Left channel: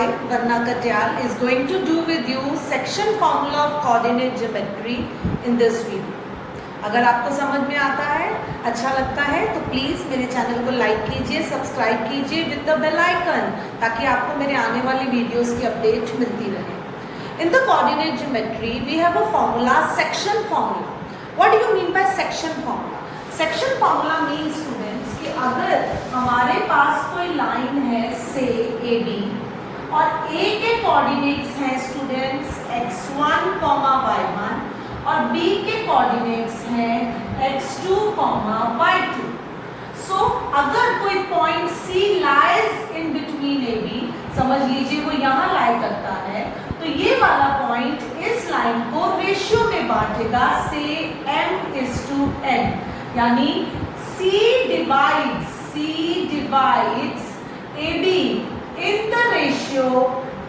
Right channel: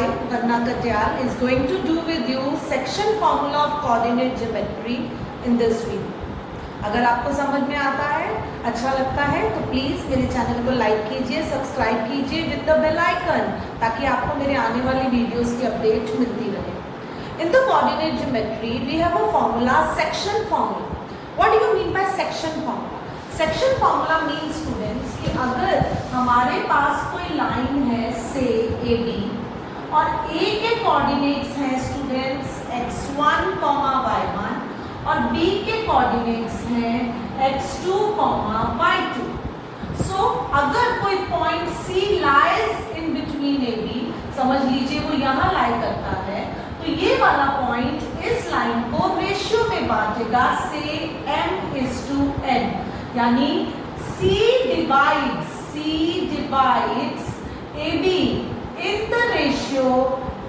I, Varna Katyal, is going to do with you section formula of coordinate geometry in this video. अगर आपको समझ में आता है, अच्छा लगता है तो प्लीज़ मेरे चैनल को लाइक कीजिए, सब्सक्राइब कीजिए विद द बेल आइकन, ताकि आपको मेरे आने वाली वीडियोस की अपडेट मिलती रहे. In the coordinate geometry, we have a formula, section formula. What do you mean by section formula? Section formula means students कि अगर हमारे पास कोई लाइन है से AB और A के कोऑर्डिनेट्स हैं स्टूडेंट्स x1, y1 और B के कोऑर्डिनेट्स हैं x2, y2. सो अगर कोई point C lies in between AB, समझ लीजिए वो यहाँ लाई करता है, तो ये वाला पॉइंट इस लाइन को रेशियो में बांटेगा से m/n, यानी C divides AB in the ratio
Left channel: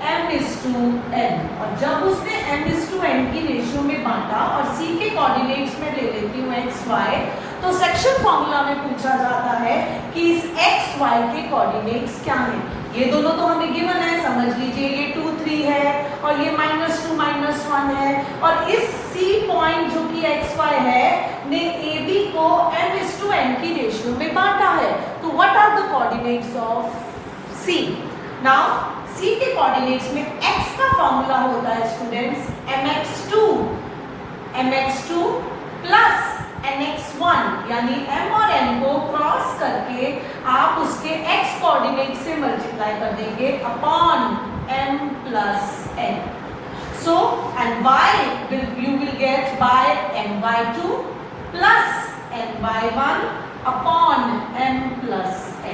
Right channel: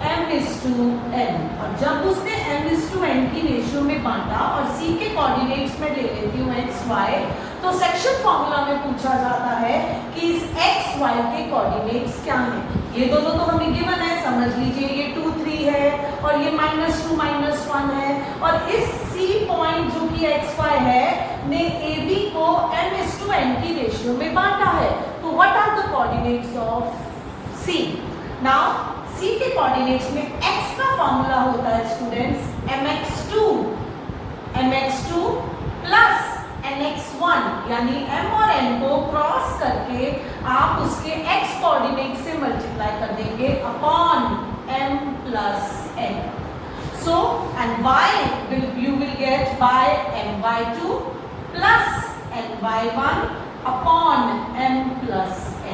m/n. और जब उसने m/n की रेशियो में बांटा और C के कोऑर्डिनेट्स में ले लेती हूँ xy, तो सेक्शन फॉर्मूला में पूछा जाता है कि इस xy के कोऑर्डिनेट्स क्या हैं. ये दोनों तो हमें गिवन है, समझ लीजिए ये 2, 3 है और ये -2, -1 है, और इस C पॉइंट जो कि xy है ने AB को m/n की रेशियो में बांटा है. तो what are the coordinates of C? Now C के कोऑर्डिनेट्स में x का फॉर्मूला होता है स्टूडेंट्स mx2 प्लस nx1, यानी m और n को क्रॉस करके आप उसके x कोऑर्डिनेट से मल्टीप्लाई कर देंगे upon m plus n. So and y you will get by my2 plus ny1 upon m plus n.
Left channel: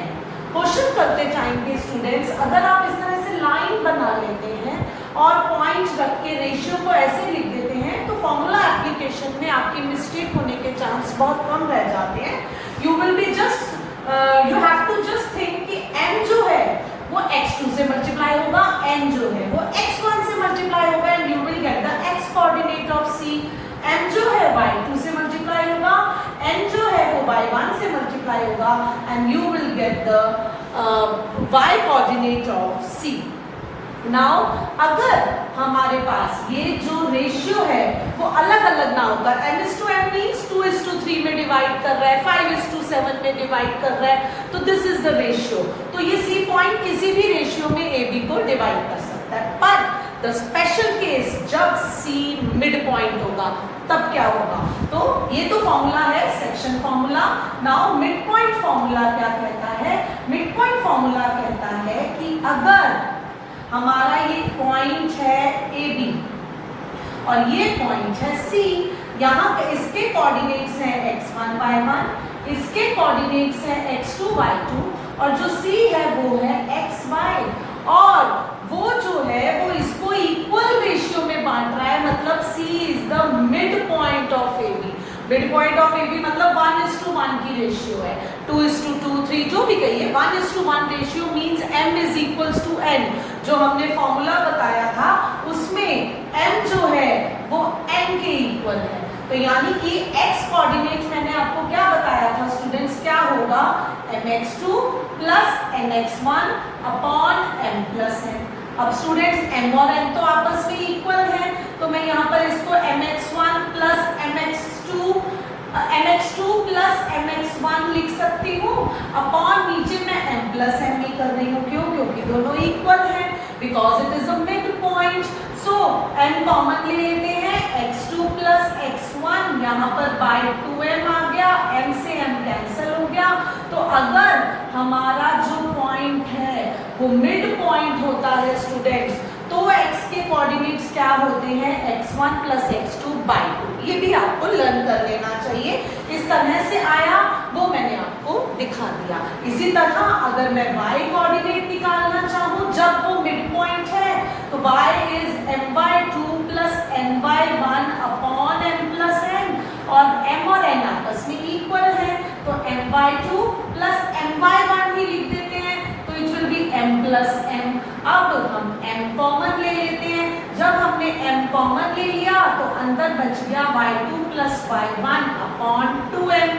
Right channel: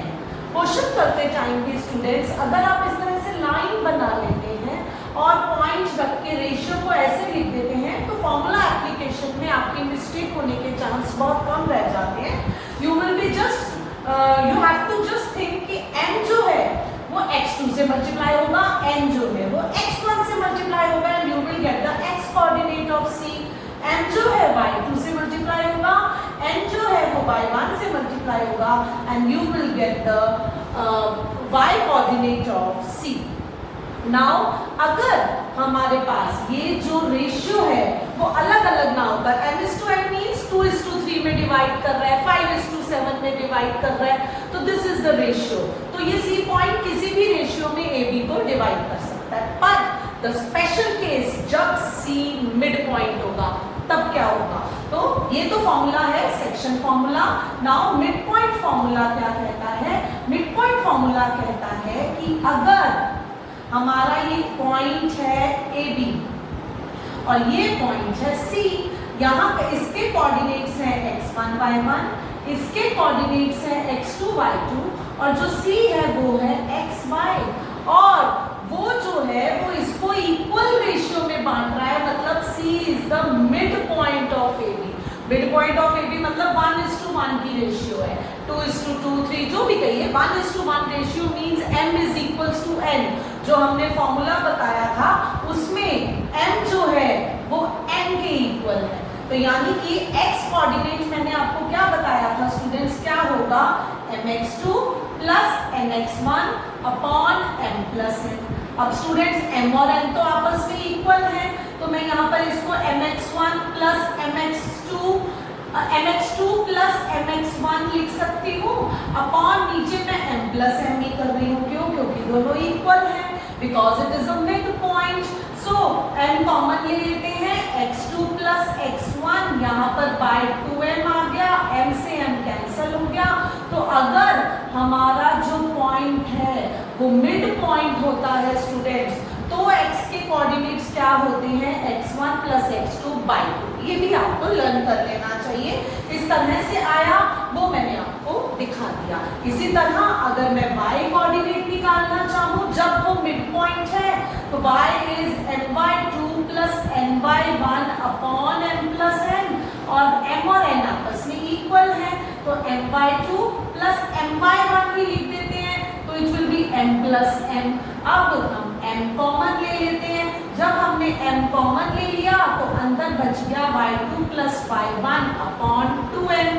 Question करते टाइम के स्टूडेंट्स, अगर आप इस तरह से लाइन बना लेते हैं और पॉइंट रख के रेशियो को ऐसे लिख देते हैं, तो फॉर्मूला एप्लीकेशन में आपकी मिस्टेक होने के चांस बहुत कम रह जाते हैं. You will be you have to just think कि n जो है वो x2 से मल्टीप्लाई होगा, n जो है वो x1 से मल्टीप्लाई होगा, and you will get the x coordinate of C. m जो है y2 से मल्टीप्लाई होगा, n जो है वो y1 से मल्टीप्लाई होगा, and you will get the y coordinate of C. Now अगर हमारे पास ये जो रेशियो है वो अलग अलग ना होकर m/n मींस 2:3 में डिवाइड कर रहा है, 5:7 में डिवाइड कर रहा है, तो दिस इज द रेशियो. तो ये C पॉइंट किसी भी रेशियो में AB को डिवाइड कर सकता है. पर द स्पेशल केस जब C मिड पॉइंट होगा तब क्या होगा? तो ये तो फॉर्मूला है section formula. Now mid point formula क्या कहता है? मिड पॉइंट फॉर्मूला कहता है कि अगर हमारा ये पॉइंट है AB और ये पॉइंट है C, यहाँ पे इसके कोऑर्डिनेट्स हैं x1, y1, इसके कोऑर्डिनेट्स हैं x2, y2, और जो C है वो है xy, और वो जो है वो इसको इक्वल रेशियो में बांट रहा है, मतलब C is the mid point of AB. Mid point of AB मतलब 1:1 की रेशियो है, 2:2, 3 जो भी कहिए, 1:1 ratio means m is equals to n. जो हमने फॉर्मूला बताया था उसमें m जो है वो n के इक्वल है. तो यानी कि x कोऑर्डिनेट मैंने आपको क्या बताया था स्टूडेंट्स, क्या होगा? mx2 plus nx1 upon m plus n. अब स्टूडेंट्स m और n तो आपस में इक्वल हैं, तो मैं यहाँ पर इसको mx1 plus mx2 plus mx1 लिख सकती हूँ, अपॉन नीचे मैं m प्लस m ही कर रही हूँ. क्यों? क्योंकि दोनों इक्वल हैं, because it is a mid point. So m common ले लेते हैं, x2 प्लस x1, यहाँ पर बाय 2m आ गया, m से m कैंसिल हो गया. तो अगर हमारा जो पॉइंट है वो मिड पॉइंट होता है स्टूडेंट्स, तो x के कोऑर्डिनेट्स क्या होते हैं? x1 plus x2 by 2. ये भी आपको लर्न कर लेना चाहिए. इस तरह से आया वो मैंने आपको दिखा दिया. इसी तरह अगर मैं y कोऑर्डिनेट निकालना चाहूँ जब वो मिड पॉइंट है, तो y is my2 plus my1 upon m plus n, और m और n आपस में इक्वल है, तो my2 प्लस my1 ही लिख देते हैं, तो it will B m plus m. अब हम m कॉमन ले लेते हैं. जब हमने m कॉमन ले लिया तो अंदर बच गया y2 plus y1 upon 2n.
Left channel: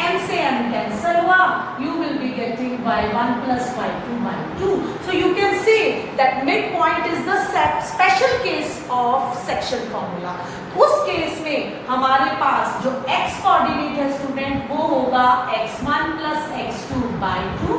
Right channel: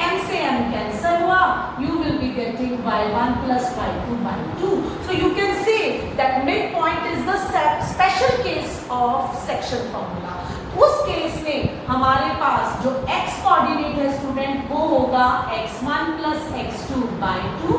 m से m कैंसिल हुआ, you will be getting y1 plus y2 by 2. So you can say that midpoint is the special case of section formula. उस case में हमारे पास जो x कोऑर्डिनेट है student वो होगा x1 plus x2 by 2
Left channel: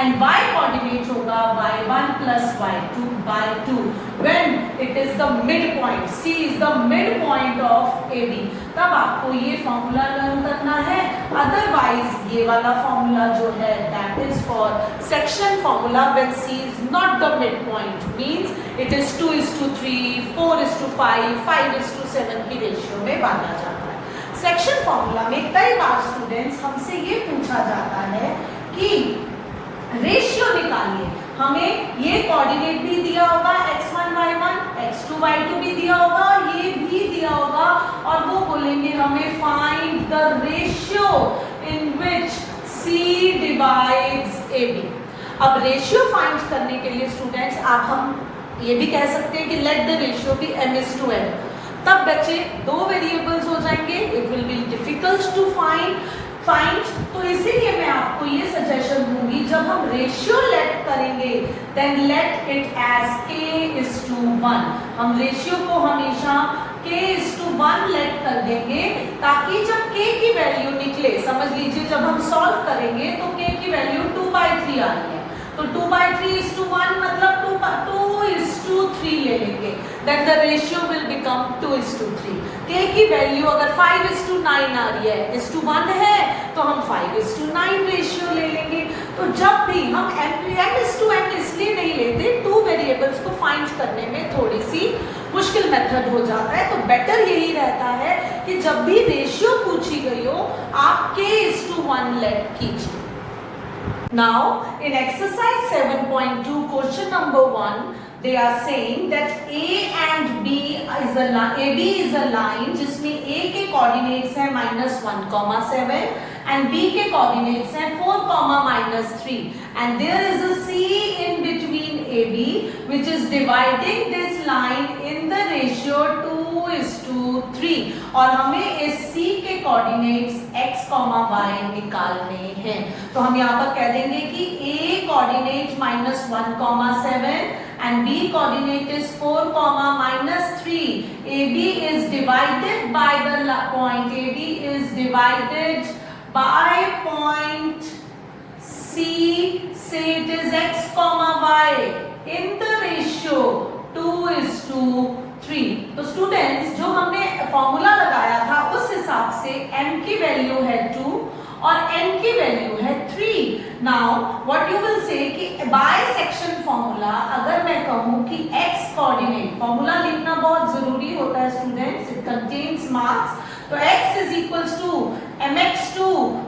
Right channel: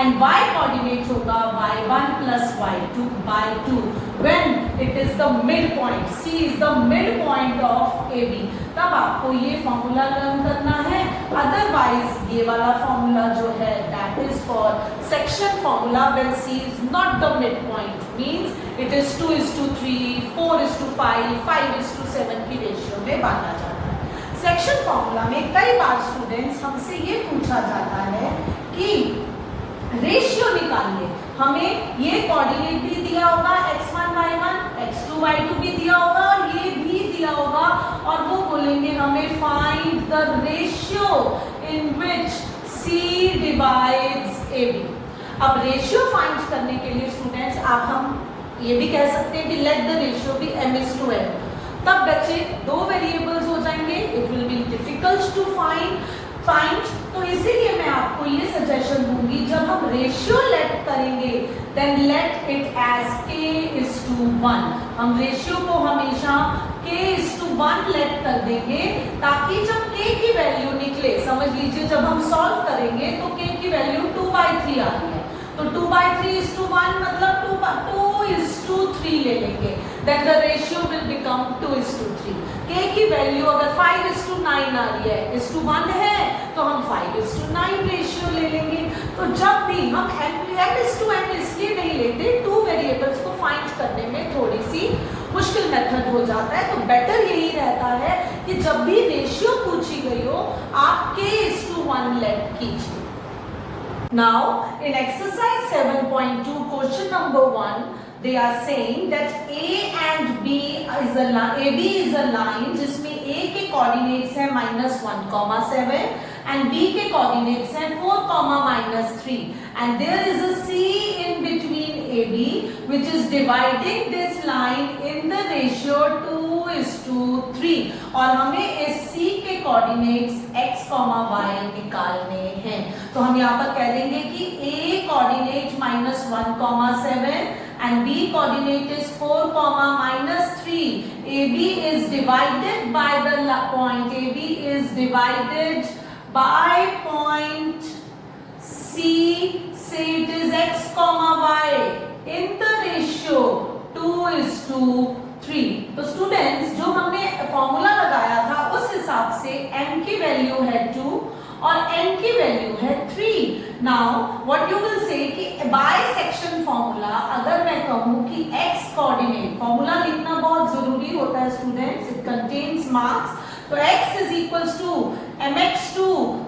and y coordinate होगा y1 plus y2 by 2 when it is the midpoint. C is the midpoint of AB. तब आपको ये फॉर्मूला लर्न करना है, अदरवाइज ये वाला फॉर्मूला जो है that is for section formula when C is not the midpoint, means it is 2:3, 4:5, 5:7 की रेशियो में बांटा जाता है। सेक्शन फॉर्मूला में कई बार स्टूडेंट्स हमसे ये पूछा जाता है कि रेशियो निकालिए, हमें ये कोऑर्डिनेट भी दिया होगा x1 y1, x2 y2 भी दिया होगा और ये भी दिया होगा और वो बोलेंगे हमें find the ratio in which C divides AB। अब रेशियो फाइंड करने के लिए स्टूडेंट्स आप हम ये भी कह सकते हैं कि let the ratio B m:n, तब बच्चे दो वेरिएबल्स हो जाएंगे, it will be difficult to find. तो इसीलिए मैं आपको ये सजेशन दूंगी जब हम रेशियो लेट करेंगे then let it as k:1। हम रेशियो को हमेशा k:1 लेट कर देंगे ताकि जब k की वैल्यू निकले, समझ लीजिए जब हम सॉल्व करेंगे तो k की वैल्यू 2/3 आ रही है, तो 2/3:1 मतलब 2:3 ले लेंगे, then the ratio will become 2:3। k की वैल्यू अगर 5:9 आ रही है, 1 है तो हम 5:9 रेशियो ले लेंगे। तो जब भी हम m:n इसलिए नहीं लेते, टू वेरिएबल्स को फाइंड करने में थोड़ी सी मुश्किल मेथड हो जाता है, तो बेटर यही रहता है कि जब भी रेशियो पूछी गई हो आप k:1 लेट कीजिए। Now in exercise 7.2 question number 1 they are saying that A and B is a line, AB is a line जिसमें A के कोऑर्डिनेट्स है -1,7 and B के कोऑर्डिनेट्स हैं 4,-3 and there is a C in between AB which is dividing this line in the ratio 2:3 और हमें इस C के coordinates x, y निकालने हैं। तो हम यहाँ पर कह देंगे कि A coordinate -1,7 and B coordinate is 4,-3. AB is divided by the point. AB is divided by point C. Say it is x, y in the ratio 2:3. तो स्टूडेंट्स जो हमने फॉर्मूला लगाया था उस हिसाब से m की वैल्यू है 2 और n की वैल्यू है 3। Now what you will say कि बाय सेक्शन फॉर्मूला अगर मैं कहूं कि x कोऑर्डिनेट, फॉर्मूला लिखना बहुत जरूरी होता है स्टूडेंट्स, इट कंटेन्स मार्क्स। तो x is equals to mx2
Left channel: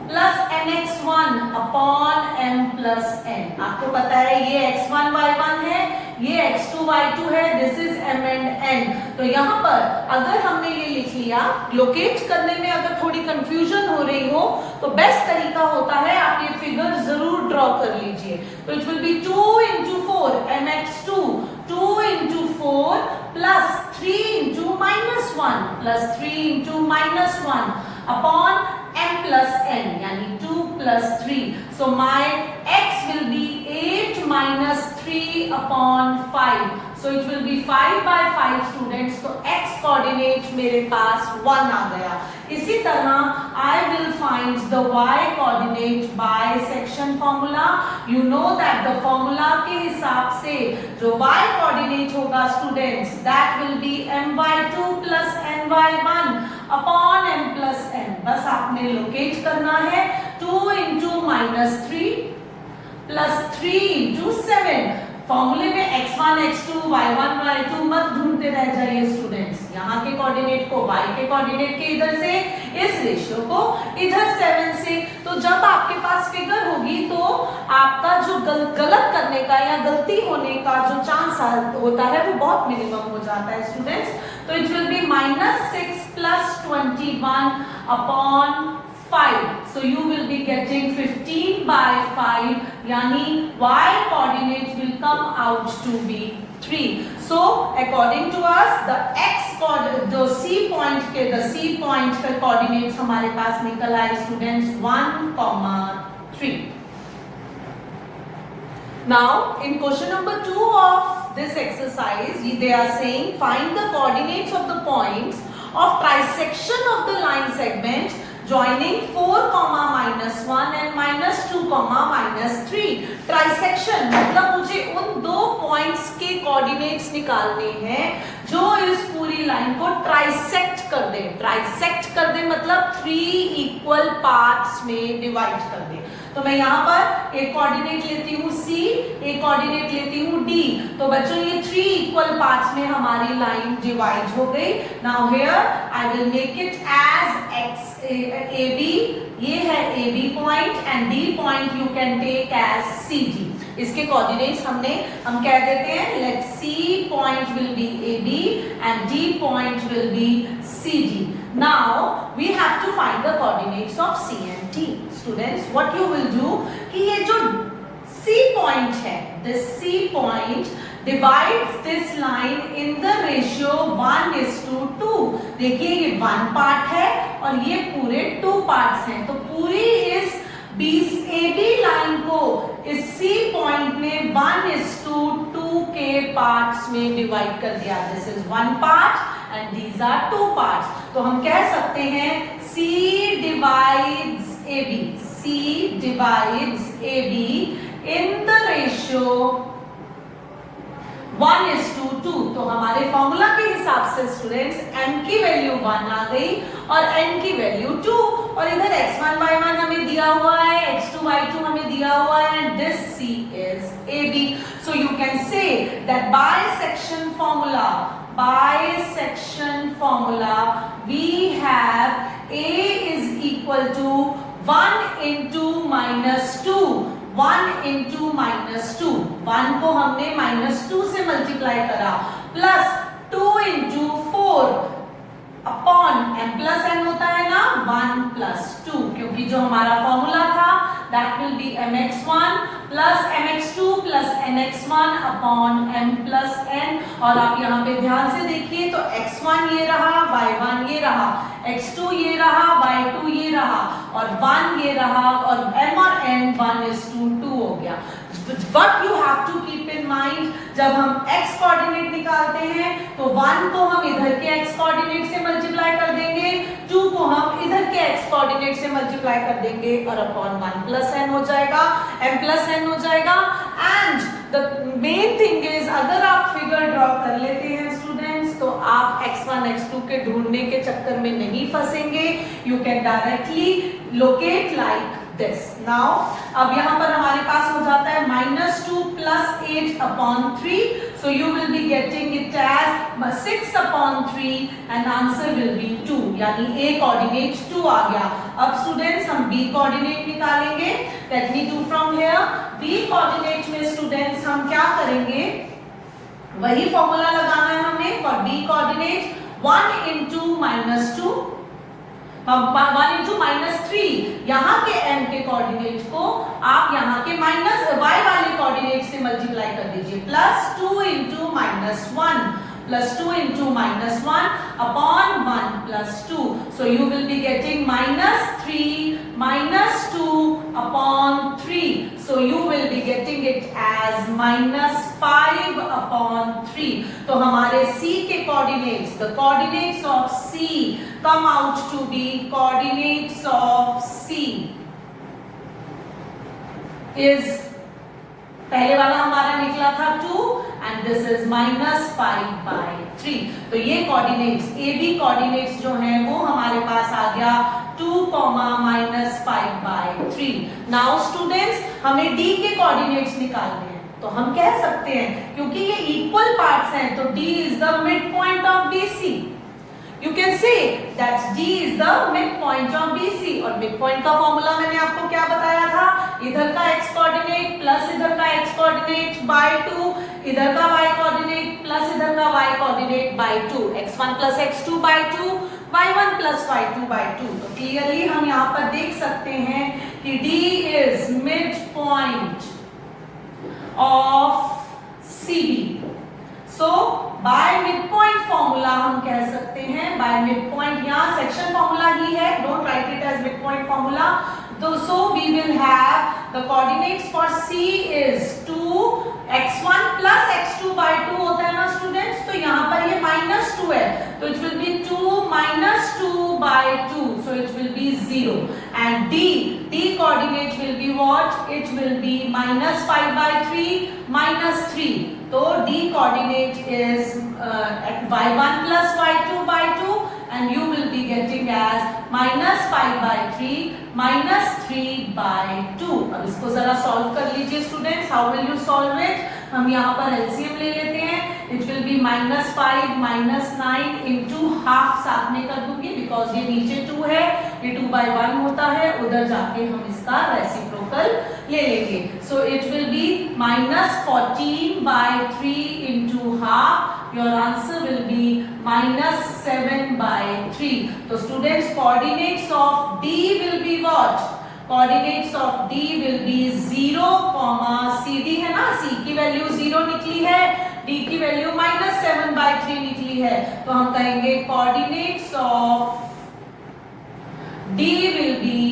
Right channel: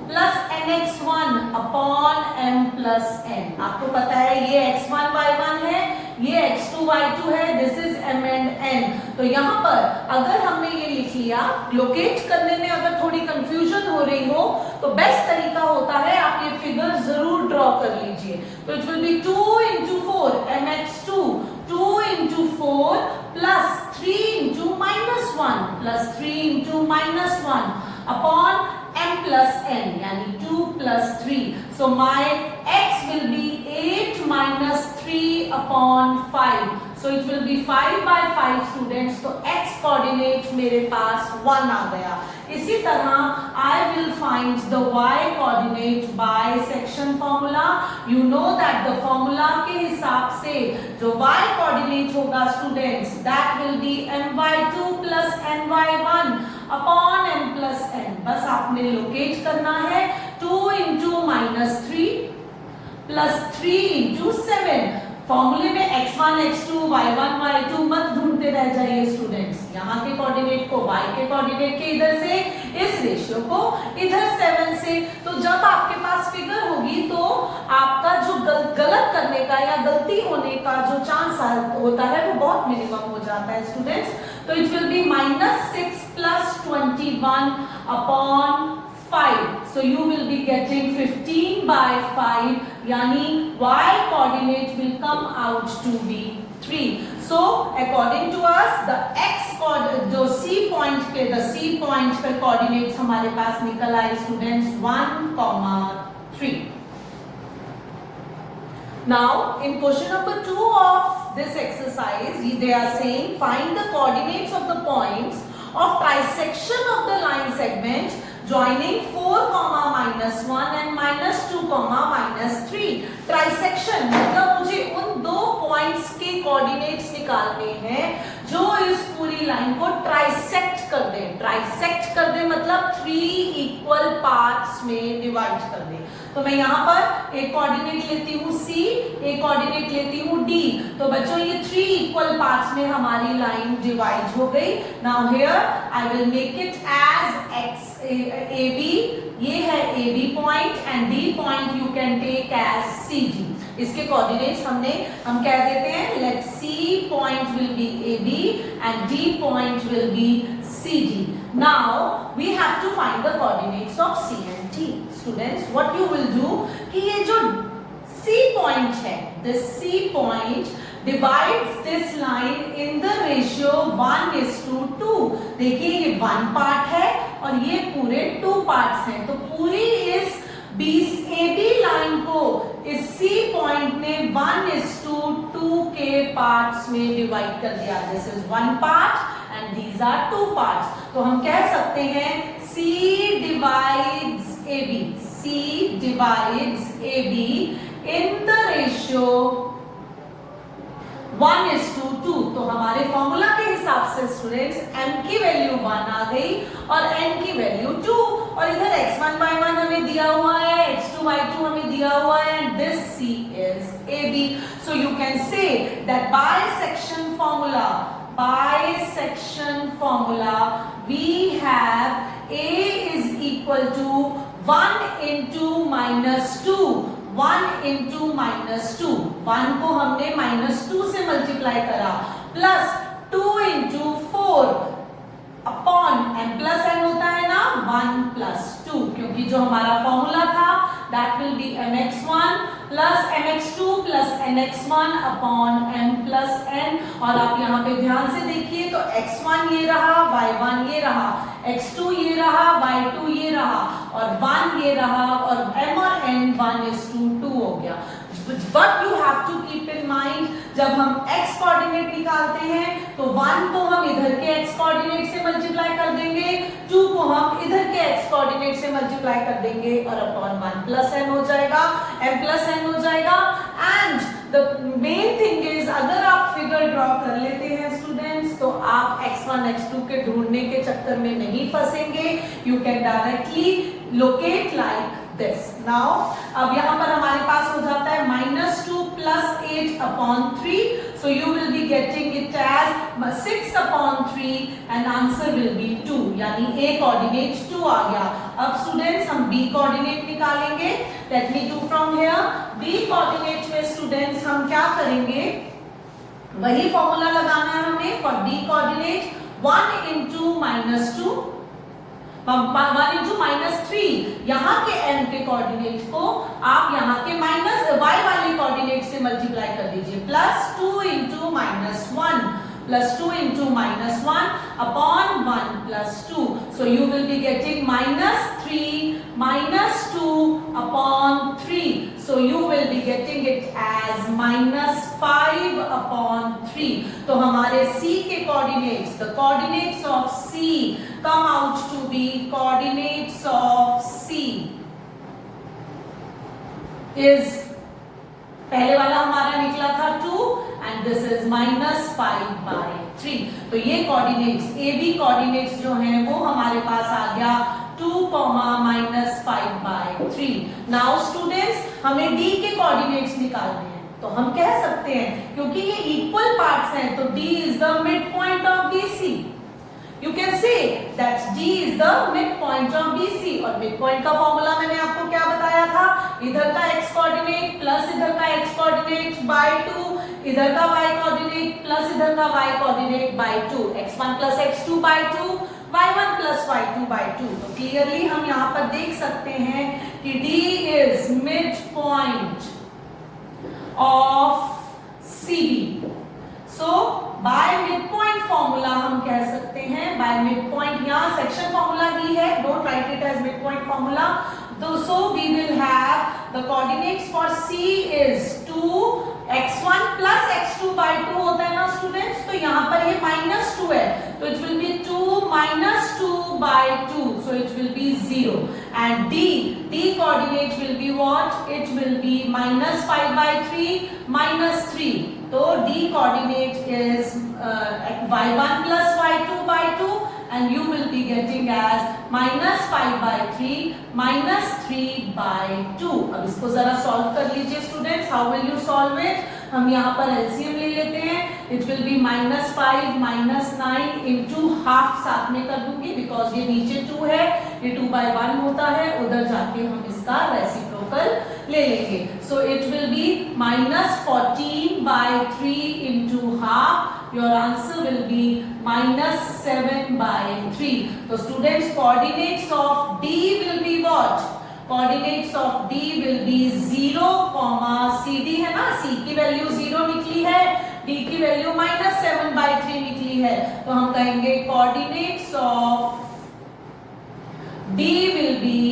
plus nx1 upon m plus n। आपको पता है ये x1 y1 है, ये x2 y2 है, this is m and n। तो यहाँ पर अगर हमने ये लिख लिया, लोकेट करने में अगर थोड़ी कंफ्यूजन हो रही हो तो बेस्ट तरीका होता है आप ये फिगर जरूर ड्रॉ कर लीजिए। तो it will B 2 into 4 mx2, 2 into 4 plus 3 into -1 plus 3 into -1 upon m plus n यानी 2 plus 3. So my x will be 8 minus 3 upon 5. So it will be 5/5 students. तो x coordinate मेरे पास 1 आ गया। इसी तरह I will find the y coordinate by section formula. You know that the formula के हिसाब से जो y coordinate होगा students, that will be my2 plus ny1 upon m plus n. बस आपने लोकेट करना है 2 into -3 plus 3 into 7। फॉर्मूले में x1 x2 y1 y2 मत ढूंढते रह जाइए स्टूडेंट्स, यहाँ के कोऑर्डिनेट को y के कोऑर्डिनेट के इधर से, इस रेशियो को इधर 7 से। तो जब आपके पास फिगर होगी तो आपका जो गलत करने का या गलती होने का जो चांस होता है वो बहुत मिनिमम हो जाता है स्टूडेंट्स। तो it will B -6 plus 21 upon 5. So you will be getting 15/5 yani y coordinate will come out to be 3. So according to us the x जो C point के the C point पे coordinates हमारे पास निकल आए students 1, 3। 3. Now in question number 2 of this exercise, they are saying find the coordinates of the points of trisection of the line segment joining 4, -1 and -2, -3. Trisection मतलब मुझे उन दो points के coordinates निकालने हैं जो इस पूरी लाइन को ट्राइसेक्ट कर दे। ट्राइसेक्ट कर दे मतलब 3 इक्वल पार्ट्स में डिवाइड कर दे। तो मैं यहाँ पर एक कोऑर्डिनेट लेती हूँ C, एक कोऑर्डिनेट लेती हूँ D। तो बच्चों ये 3 इक्वल पार्ट्स में हमारी लाइन डिवाइड हो गई। Now here I will make it as x AB, ये है AB point and D point you can take as CD। इसके कोऑर्डिनेट्स हम कह देते हैं let C point will be AB and D point will be CD। Now we have to find the coordinates of C and D. Students, what you will do कि ये जो C point है, this C point divides this line in the ratio 1:2। देखिए ये 1 part है और ये पूरे 2 पार्ट्स हैं। तो पूरी इस AB लाइन को इस C पॉइंट ने 1:2 के पार्ट्स में डिवाइड कर दिया। This is 1 part and these are 2 parts. तो हम कह सकते हैं C divides AB, C divides AB in the ratio 1:2। तो हमारे फॉर्मूला के हिसाब से स्टूडेंट्स m की वैल्यू 1 आ गई और n की वैल्यू 2 और इधर x1 y1 हमें दिया हुआ है, x2 y2 हमें दिया हुआ है and this C is AB। So you can say that bisection formula we have A is equal to 1 into -2, 1 into -2, 1 को हमने -2 से मल्टीप्लाई करा plus 2 into 4 upon m plus n होता है ना 1 plus 2, क्योंकि जो हमारा फॉर्मूला था that will be mx1 plus mx2 plus nx1 upon m plus n। और आप यहाँ पे ध्यान से देखिए तो x1 ये रहा, y1 ये रहा, x2 ये रहा, y2 ये रहा और 1 ये रहा और m और n 1:2 हो गया। But you have to keep in mind जब हम x कोऑर्डिनेट निकालते हैं तो 1 को हम इधर के x कोऑर्डिनेट से मल्टीप्लाई कर देंगे, 2 को हम इधर के x कोऑर्डिनेट से मल्टीप्लाई कर देंगे और अपॉन 1 प्लस n हो जाएगा, m प्लस n हो जाएगा। And the main thing is अगर आप फिगर ड्रॉ कर लेते हैं स्टूडेंट्स तो आप x1 x2 के ढूंढने के चक्कर में नहीं फंसेंगे। You can directly locate like this. Now अब यहाँ पर हमारे पास हो जाता है -2 plus 8 upon 3, so you will be getting it as 6 upon 3 and answer will be 2, यानी A coordinate 2 आ गया। अब स्टूडेंट्स हम B coordinate निकालेंगे। Let me do from here। B coordinate में स्टूडेंट्स हम क्या करेंगे, वही फॉर्मूला लगाना है हमें for B coordinate 1 into -2 1 into -3। यहाँ के n के कोऑर्डिनेट को आप यहाँ के माइनस y वाले कोऑर्डिनेट से मल्टीप्लाई कर दीजिए plus 2 into -1 plus 2 into -1 upon 1 plus 2. So you will be getting -3 -2 upon 3. So you will be getting it as -5 upon 3. तो हमारे C के coordinates, the coordinates of C come out to be coordinates of C is पहले वाला हमारा निकला था 2 and this is -5/3। तो ये कोऑर्डिनेट्स AB कोऑर्डिनेट्स जो हैं वो हमारे पास आ गया 2, -5/3। नाउ स्टूडेंट्स हमें D के कोऑर्डिनेट्स निकालने हैं तो हम कह सकते हैं क्योंकि ये इक्वल पार्ट्स हैं तो D is the mid point of BC। You can say that D is the midpoint of BC और midpoint का फॉर्मूला मैंने आपको क्या बताया था, इधर का x कोऑर्डिनेट प्लस इधर का x कोऑर्डिनेट बाय 2, इधर का y कोऑर्डिनेट प्लस इधर का y coordinate by 2, x1 plus x2 by 2, y1 plus y2 by 2। तो क्लियरली हम यहाँ पर देख सकते हैं कि D is midpoint of CB। So by midpoint formula हम कह सकते हैं, बाय मिडपॉइंट यहाँ सेक्शन फॉर्मूला ही है, don't write it as midpoint formula. So we will have the coordinates for C is 2x1 plus x2 by 2 होता है ना स्टूडेंट्स, तो यहाँ पर ये -2 है, तो it will B 2 - 2 by 2, so it will be 0. And d coordinate will be what? It will be -5 by 3 -3. So d coordinate is y1 plus y2 by 2, and you will be getting as -5 by 3 -3 by 2. अब इसको जरा solve कर लीजिए students. How will you solve it? हम यहाँ पर LCM ले लेते हैं. It will B -5 -9 into half साथ में कर दूंगी, बिकॉज ये नीचे 2 है, ये 2/1 होता है, उधर जाके हम इसका रेसिप्रोकल ले लेंगे. So it will B -14 by 3 into half. Your answer will be -7 by 3. So students, coordinates of D will be what? Coordinates of D will be 0, CD है ना, C की वैल्यू 0 निकली है, D की वैल्यू -7 by 3 निकली है, तो हम कहेंगे coordinates of D will be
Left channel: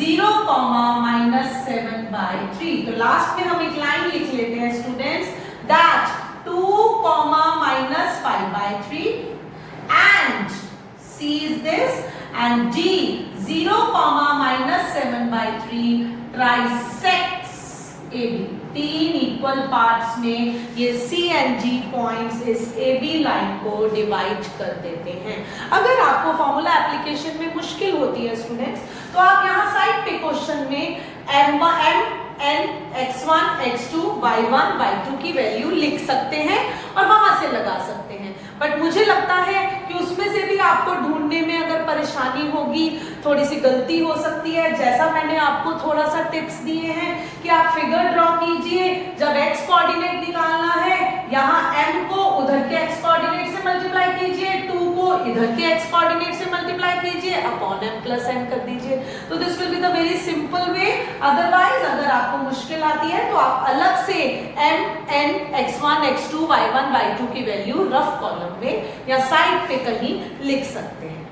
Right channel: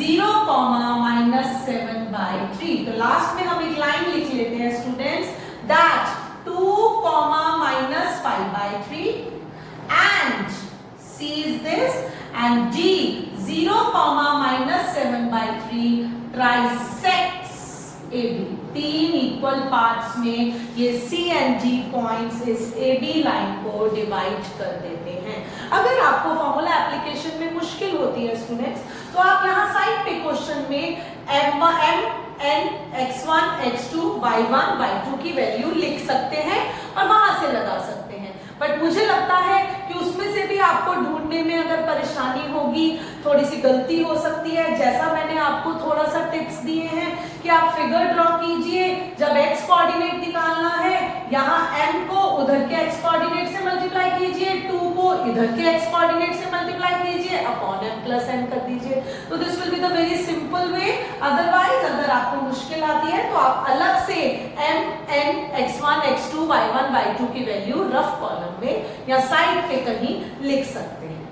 0, -7 by 3. तो लास्ट में हम एक लाइन लिख लेते हैं students, that 2, -5 by 3 and C is this, and D 0, -7 by 3 trisects AB. 3 equal parts में ये C and D पॉइंट्स इस AB लाइन को डिवाइड कर देते हैं. अगर आपको फॉर्मूला एप्लीकेशन में मुश्किल होती है स्टूडेंट्स, तो आप यहाँ साइड पे क्वेश्चन में n x1 x2 y1 y2 की वैल्यू लिख सकते हैं और वहां से लगा सकते हैं. बट मुझे लगता है कि उसमें से भी आपको ढूंढने में अगर परेशानी होगी, थोड़ी सी गलती हो सकती है. जैसा मैंने आपको थोड़ा सा टिप्स दिए हैं कि आप फिगर ड्रॉ कीजिए. जब x कोऑर्डिनेट निकालना है, यहाँ m को उधर के x कोऑर्डिनेट से मल्टीप्लाई कीजिए, 2 को इधर के x कोऑर्डिनेट से मल्टीप्लाई कीजिए, अपॉन m प्लस n कर दीजिए. तो this will be the very simple way. Otherwise अगर आपको मुश्किल आती है तो आप अलग से m n x1 x2 y1 y2 की वैल्यू रफ कॉलम में या साइड पे कहीं लिख सकते हैं.